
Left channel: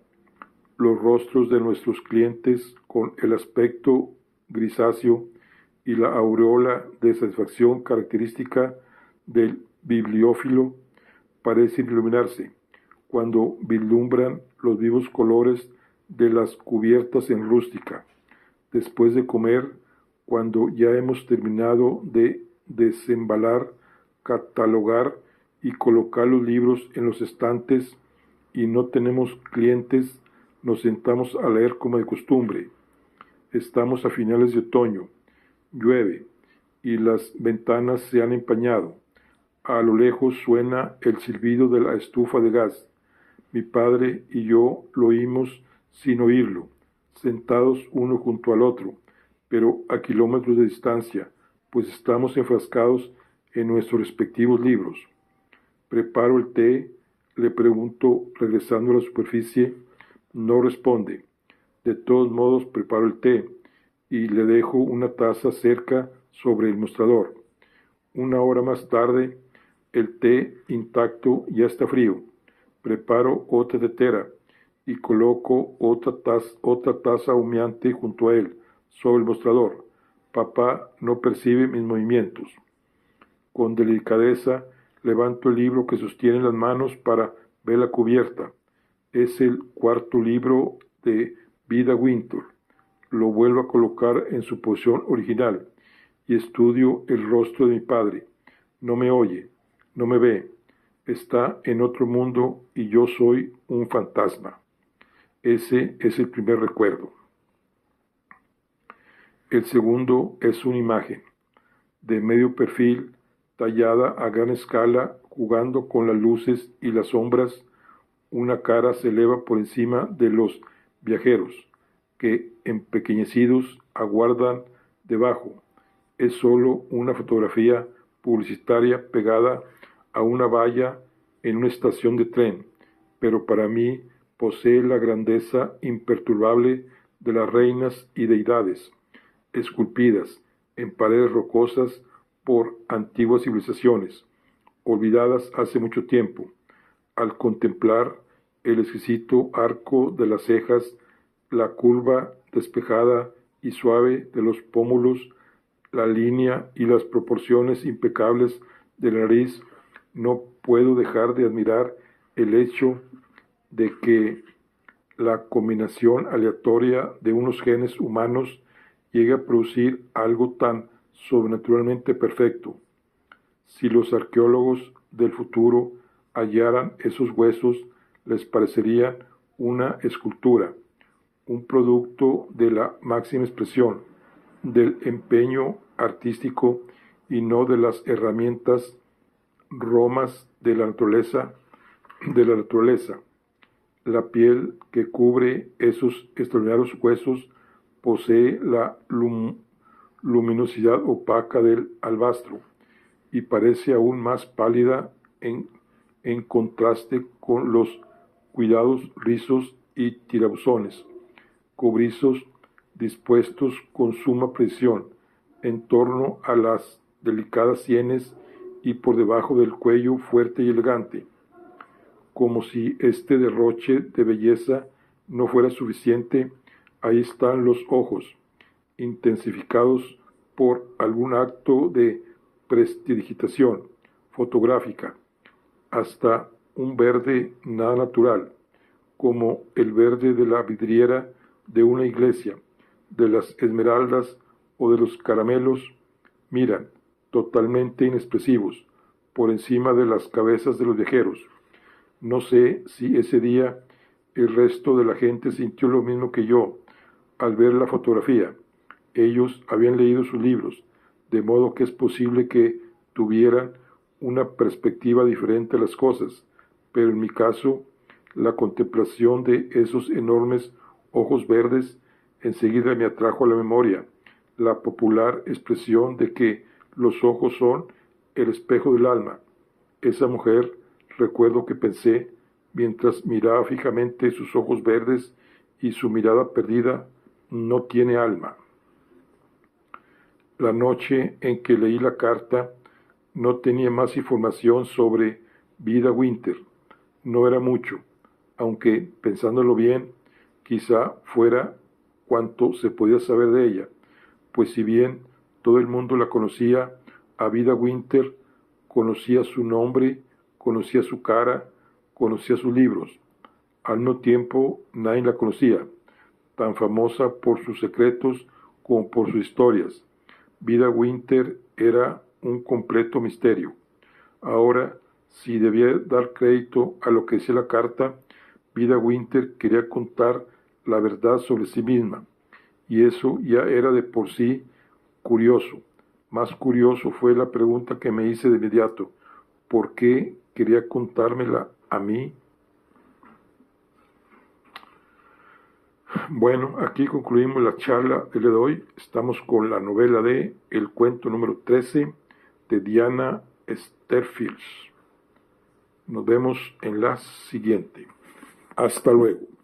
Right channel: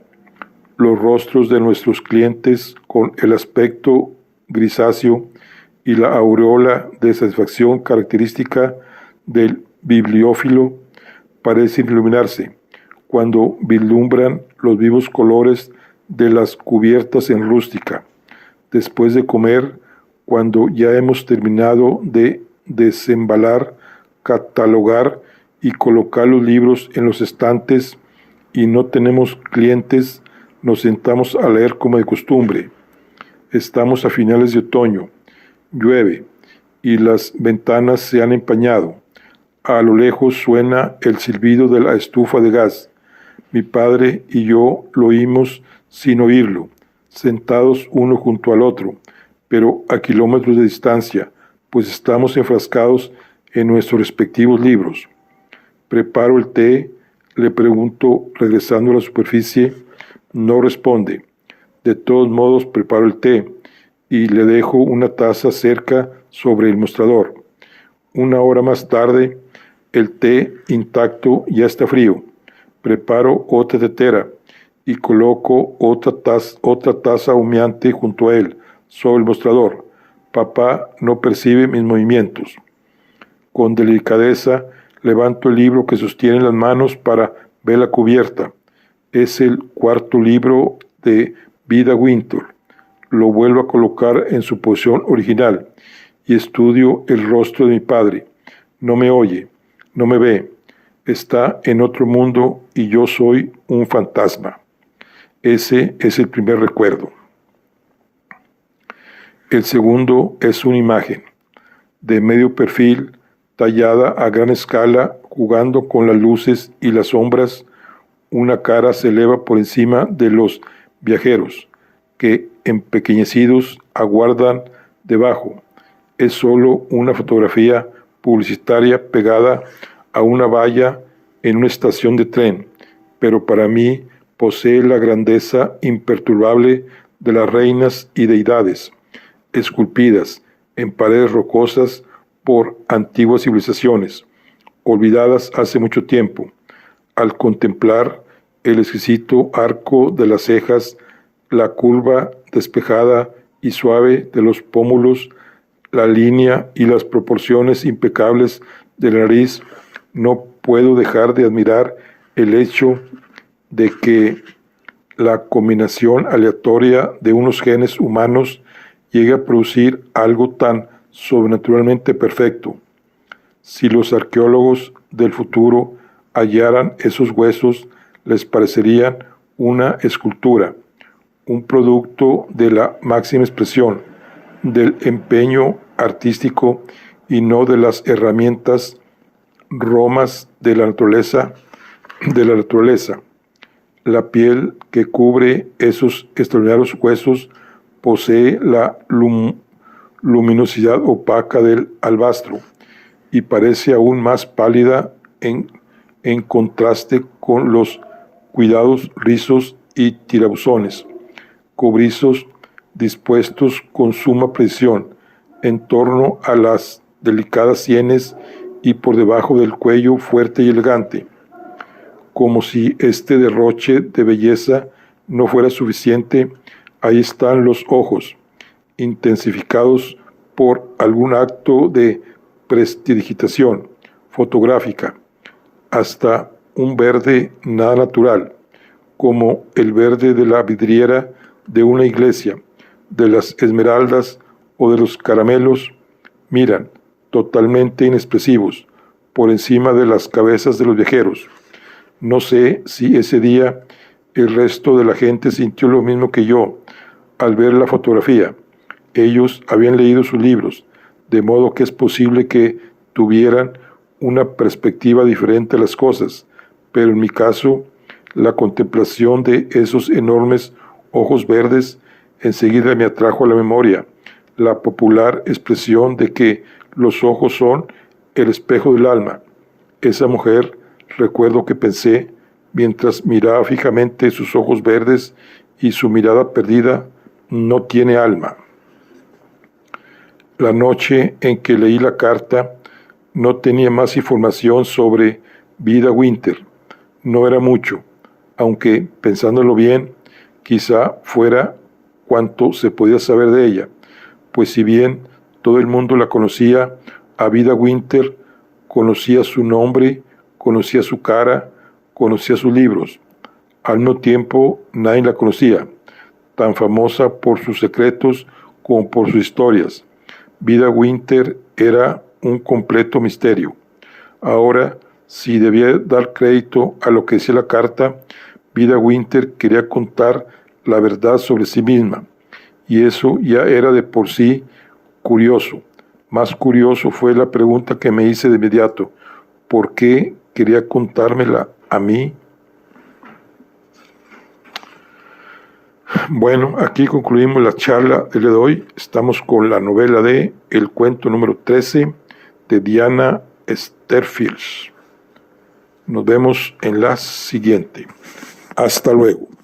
Los rostros de nuestros clientes, con el aspecto grisáceo y la aureola de satisfacción característica del bibliófilo, parecen iluminarse cuando vislumbran los vivos colores de las cubiertas en rústica. Después de comer, cuando ya hemos terminado de desembalar, catalogar y colocar los libros en los estantes y no tenemos clientes, nos sentamos a leer como de costumbre. Estamos a finales de otoño. Llueve y las ventanas se han empañado. A lo lejos suena el silbido de la estufa de gas. Mi padre y yo lo oímos sin oírlo, sentados uno junto al otro, pero a kilómetros de distancia, pues estamos enfrascados en nuestros respectivos libros. Preparo el té, le pregunto regresando a la superficie, no responde. De todos modos preparo el té y le dejo una taza cerca sobre el mostrador. Una hora más tarde, el té intacto ya está frío. Preparo otra tetera y coloco otra taza humeante junto a él, sobre el mostrador. Papá no percibe mis movimientos. Con delicadeza levanto el libro que sostiene en las manos para ver la cubierta. Es el cuarto libro de Vida Winter. Lo vuelvo a colocar en su posición original y estudio el rostro de mi padre. No me oye, no me ve. Está en otro mundo y yo soy un fantasma. Ese es el primer recuerdo. El segundo es una imagen de medio perfil, tallada a gran escala, jugando con las luces y las sombras. Una cara se eleva por encima de los viajeros, que empequeñecidos aguardan debajo. Es solo una fotografía publicitaria pegada a una valla en una estación de tren, pero para mí posee la grandeza imperturbable de las reinas y deidades, esculpidas en paredes rocosas por antiguas civilizaciones, olvidadas hace mucho tiempo. Al contemplar el exquisito arco de las cejas, la curva despejada y suave de los pómulos, la línea y las proporciones impecables de la nariz, no puedo dejar de admirar el hecho de que la combinación aleatoria de unos genes humanos llegue a producir algo tan sobrenaturalmente perfecto. Si los arqueólogos del futuro hallaran esos huesos, les parecerían una escultura, un producto de la máxima expresión, del empeño artístico y no de las herramientas romas de la naturaleza. La piel que cubre esos extraordinarios huesos posee la luminosidad opaca del albastro y parece aún más pálida en contraste con los cuidados rizos y tirabuzones, cobrizos dispuestos con suma precisión en torno a las delicadas sienes y por debajo del cuello fuerte y elegante. Como si este derroche de belleza no fuera suficiente, ahí están los ojos, intensificados por algún acto de prestidigitación fotográfica, hasta un verde nada natural, como el verde de la vidriera de una iglesia, de las esmeraldas o de los caramelos, miran, totalmente inexpresivos, por encima de las cabezas de los viajeros. No sé si ese día el resto de la gente sintió lo mismo que yo al ver la fotografía. Ellos habían leído sus libros, de modo que es posible que tuvieran una perspectiva diferente a las cosas, pero en mi caso, la contemplación de esos enormes ojos verdes enseguida me atrajo a la memoria la popular expresión de que los ojos son el espejo del alma. Esa mujer, recuerdo que pensé, mientras miraba fijamente sus ojos verdes y su mirada perdida, no tiene alma. La noche en que leí la carta, no tenía más información sobre Vida Winter. No era mucho, aunque, pensándolo bien, quizá fuera cuanto se podía saber de ella, pues si bien todo el mundo la conocía, a Vida Winter conocía su nombre, conocía su cara, conocía sus libros. Al mismo tiempo, nadie la conocía, tan famosa por sus secretos como por sus historias. Vida Winter era un completo misterio. Ahora, si debía dar crédito a lo que decía la carta, Vida Winter quería contar la verdad sobre sí misma, y eso ya era de por sí curioso. Más curioso fue la pregunta que me hice de inmediato: ¿por qué quería contármela a mí? Bueno, aquí concluimos la charla del día de hoy. Estamos con la novela de El cuento número 13 de Diana Sterfield. Nos vemos en la siguiente. Hasta luego.